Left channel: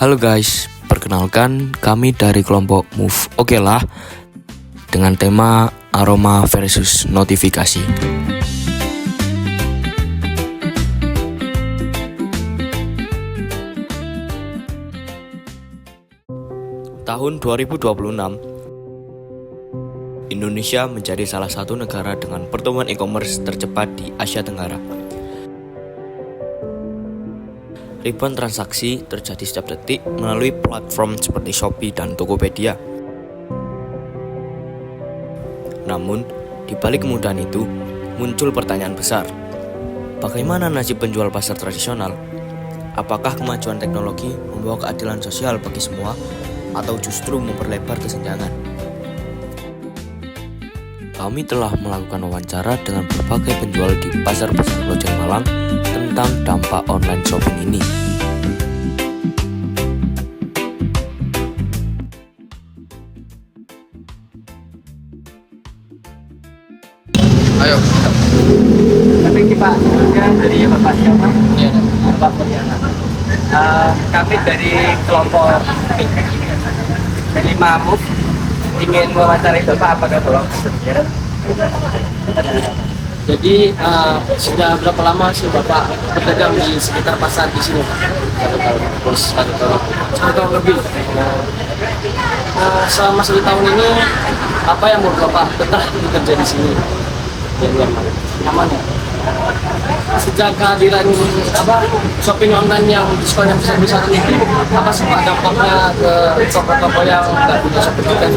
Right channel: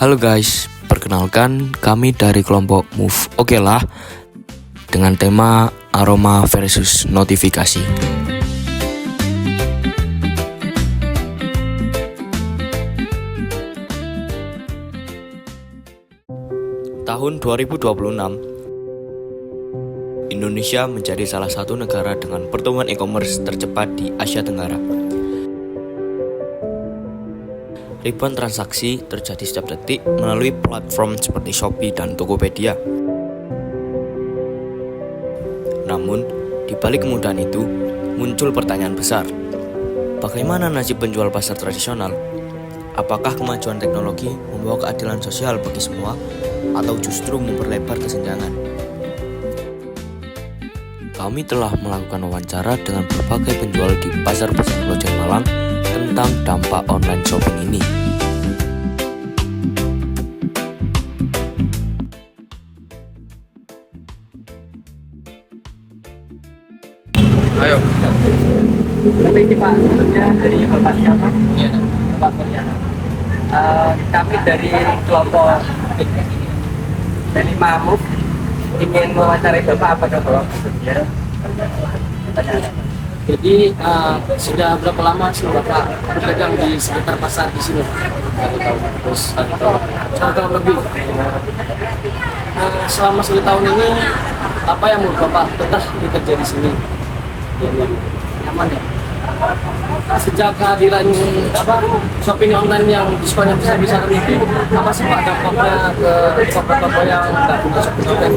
Halo guys, perkenalkan kami dari kelompok Move Oke lah dengan tema aroma versus notifikasi. Tahun 2026, Indonesia menjadi salah satu negara dengan pertumbuhan e-commerce tercepat di Asia Tenggara. Ribuan transaksi terjadi setiap detik melalui platform seperti Shopee dan Tokopedia. Namun, di balik kemudahan itu, muncul pertanyaan besar. Bagaimana nasib penjual pasar tradisional? Apakah kemajuan teknologi membawa keadilan sosial bagi semua, atau justru memperlebar kesenjangan? Kami telah melakukan wawancara dengan berbagai penjual di pasar-pasar Lojeng Malang tentang dampak online shopping ini. Ayo. Tapi Pak, sebelumnya dari Bapak siapa? Iya. Bapak Purjana. Kami dari kelompok Delima Move ingin mewawancarai Bapak, apakah Bapak bersedia? Jadi sudah berapa lama sih Bapak berdagang di sekitar pasar di sini, Pak? 1 tahun. Terus 1 tahun. 1 tahun lebih. Selama 1 tahun ini apa yang membuat Bapak betah bekerja di sini? Nyaman ya. Sejak kehadiran shopping online yang diskonnya besar-besaran itu, apa sih Pak dampaknya ke toko-toko yang nggak punya shopping online?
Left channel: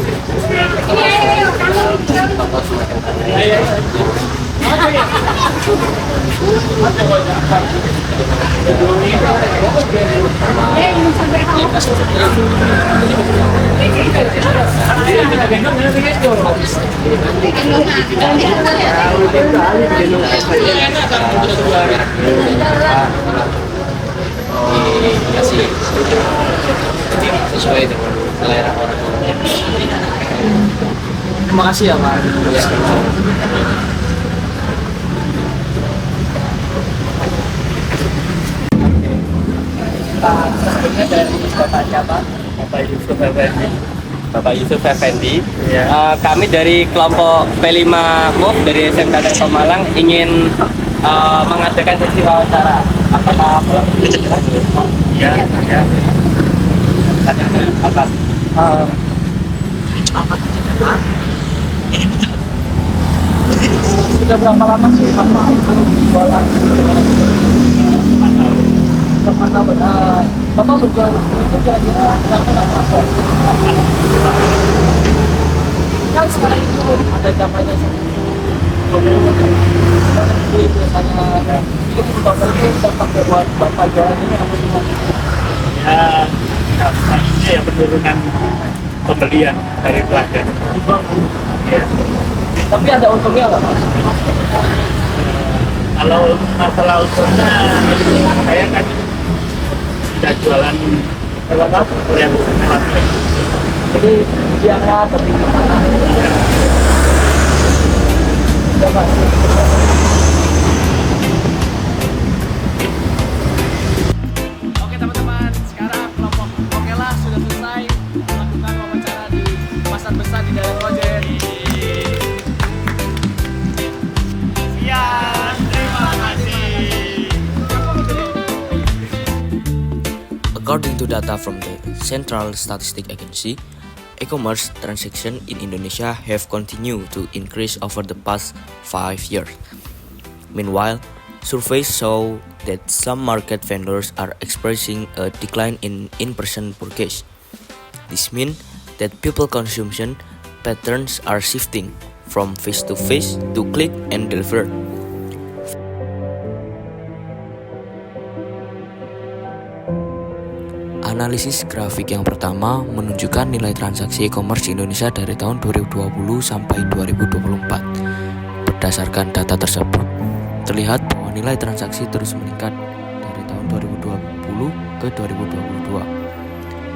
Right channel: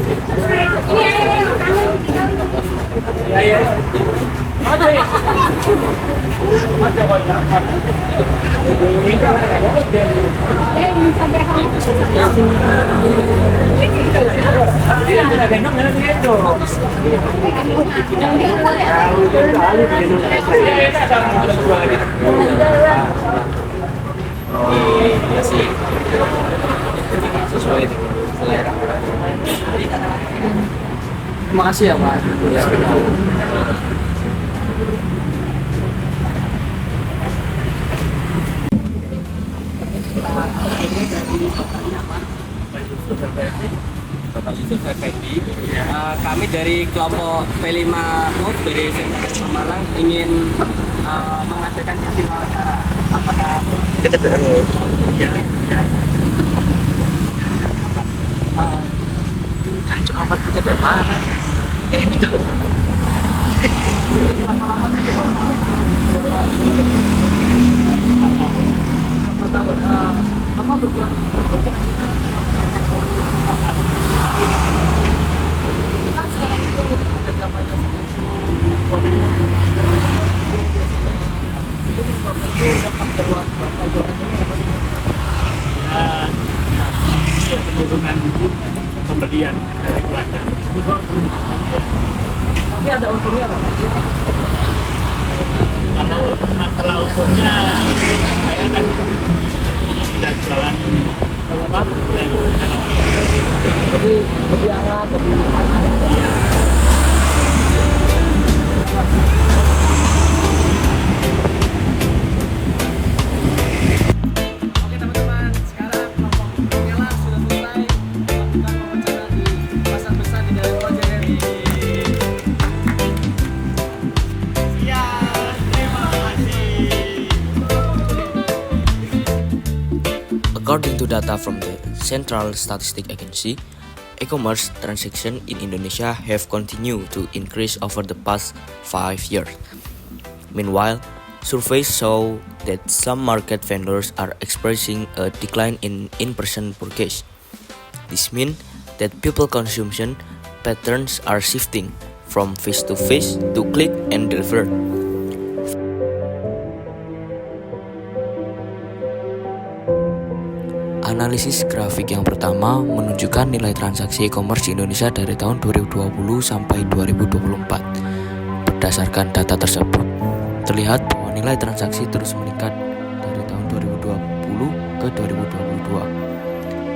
Kasih sesuai dengan selera orang. Terima kasih ya Pak. Sebelumnya dari Bapak siapa? Bapak Yusuf Effendi. Iya. Kami dari kelompok P5 Move dari SMK Telkom Malang ingin mengadakan sesi wawancara. Apakah Iya. apa? Sudah berapa lama sih Bapak berjualan? 8 tahun. Bapak berjualan itu kira-kira berapa? Kan sekarang itu ada zamannya biasanya itu Bapak itu dampak buat Bapak jualan ini apa sih? Ya, dampaknya ya penurunan pembelian dari pelanggan. Ya. Tapi ada untungnya nggak Pak? Kalau masalah untungnya, saya kan tidak jualan lewat Jadi lebih hangat, lebih mana? ya. Ya Pak. Oke teman-teman, sekarang kelompok Oke lah sudah selesai melakukan wawancara di pasar besar di Dalam Kojen. Ya, terima kasih. According to data from the Central Statistic Agency, e-commerce transactions in Indonesia have continued to increase over the past 5 years. Meanwhile, surveys show that some market vendors are experiencing a decline in in-person purchase. This means that people consumption patterns are shifting from face-to-face to click and deliver. Analisis grafik yang pertama menunjukkan nilai transaksi e-commerce di Indonesia dari tahun 2020 sampai 2024. Berdasarkan data tersebut, terlihat bahwa nilai transaksi terus meningkat dari tahun 2020 ke 2022.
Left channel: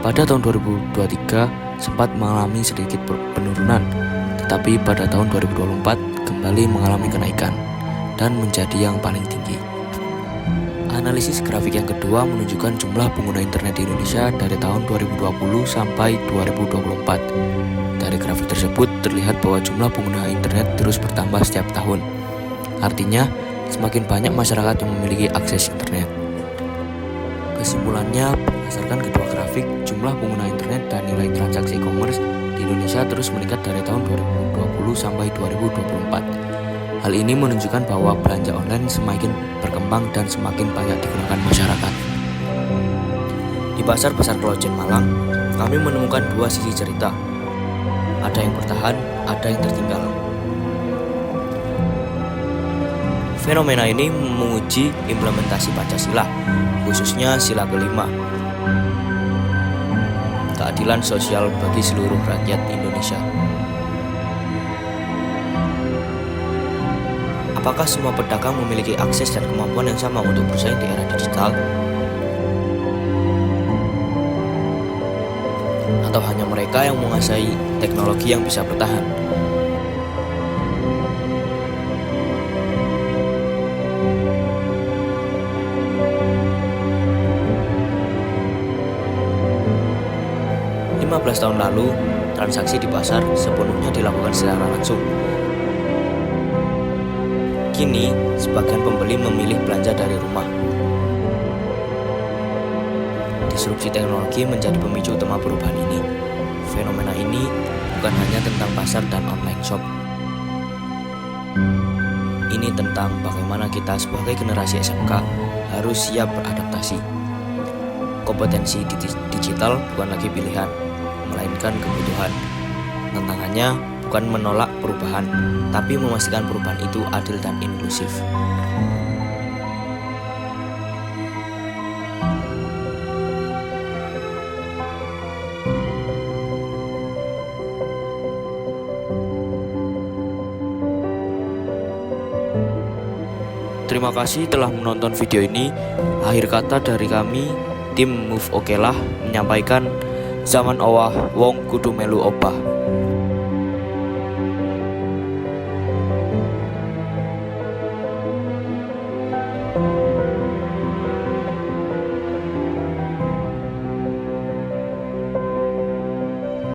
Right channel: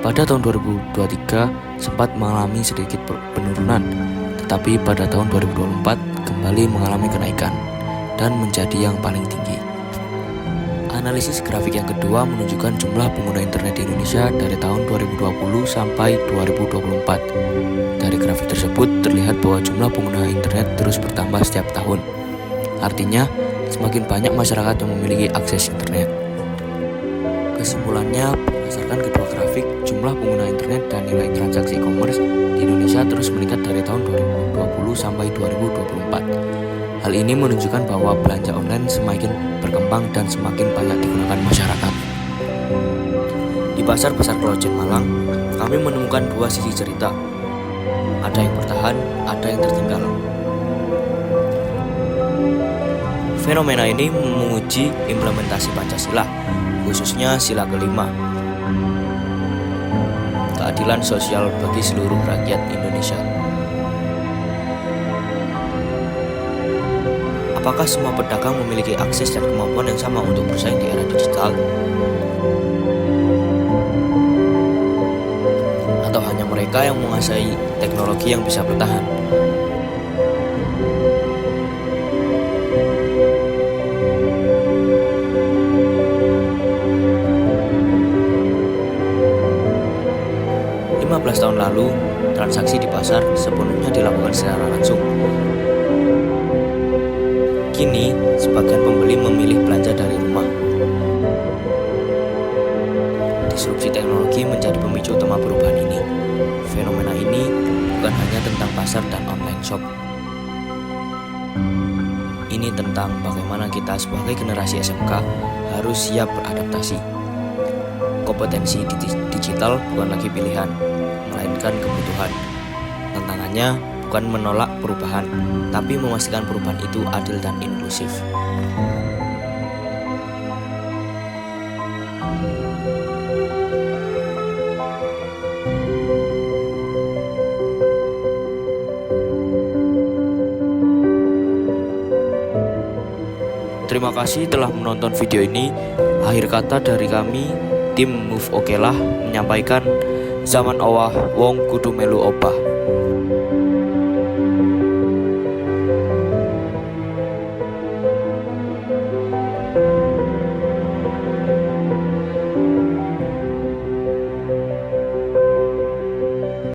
Pada tahun 2023 sempat mengalami sedikit penurunan, tetapi pada tahun 2024 kembali mengalami kenaikan dan menjadi yang paling tinggi. Analisis grafik yang kedua menunjukkan jumlah pengguna internet di Indonesia dari tahun 2020 sampai 2024. Dari grafik tersebut terlihat bahwa jumlah pengguna internet terus bertambah setiap tahun. Artinya, semakin banyak masyarakat yang memiliki akses internet. Kesimpulannya, berdasarkan kedua grafik, jumlah pengguna internet dan nilai transaksi e-commerce di Indonesia terus meningkat dari tahun 2020 sampai 2024. Hal ini menunjukkan bahwa belanja online semakin berkembang dan semakin banyak digunakan masyarakat. Di Pasar Besar Klojen Malang, kami menemukan dua sisi cerita. Ada yang bertahan, ada yang tertinggal. Fenomena ini menguji implementasi Pancasila, khususnya sila kelima. Keadilan sosial bagi seluruh rakyat Indonesia. Apakah semua pedagang memiliki akses dan kemampuan yang sama untuk bersaing di era digital? Atau hanya mereka yang menguasai teknologi yang bisa bertahan? Lima 15 tahun lalu, transaksi di pasar sepenuhnya dilakukan secara langsung. Kini, sebagian pembeli memilih belanja dari rumah. Disrupsi teknologi menjadi pemicu utama perubahan ini. Fenomena ini bukan hanya tentang pasar dan online shop. Ini tentang bagaimana kita sebagai generasi SMK harus siap beradaptasi. Kompetensi digital bukan lagi pilihan, melainkan kebutuhan. Tantangannya bukan menolak perubahan, tapi memastikan perubahan itu adil dan inklusif. Terima kasih telah menonton video ini. Akhir kata dari kami, tim Move Okelah menyampaikan zaman owah wong kudu melu opah.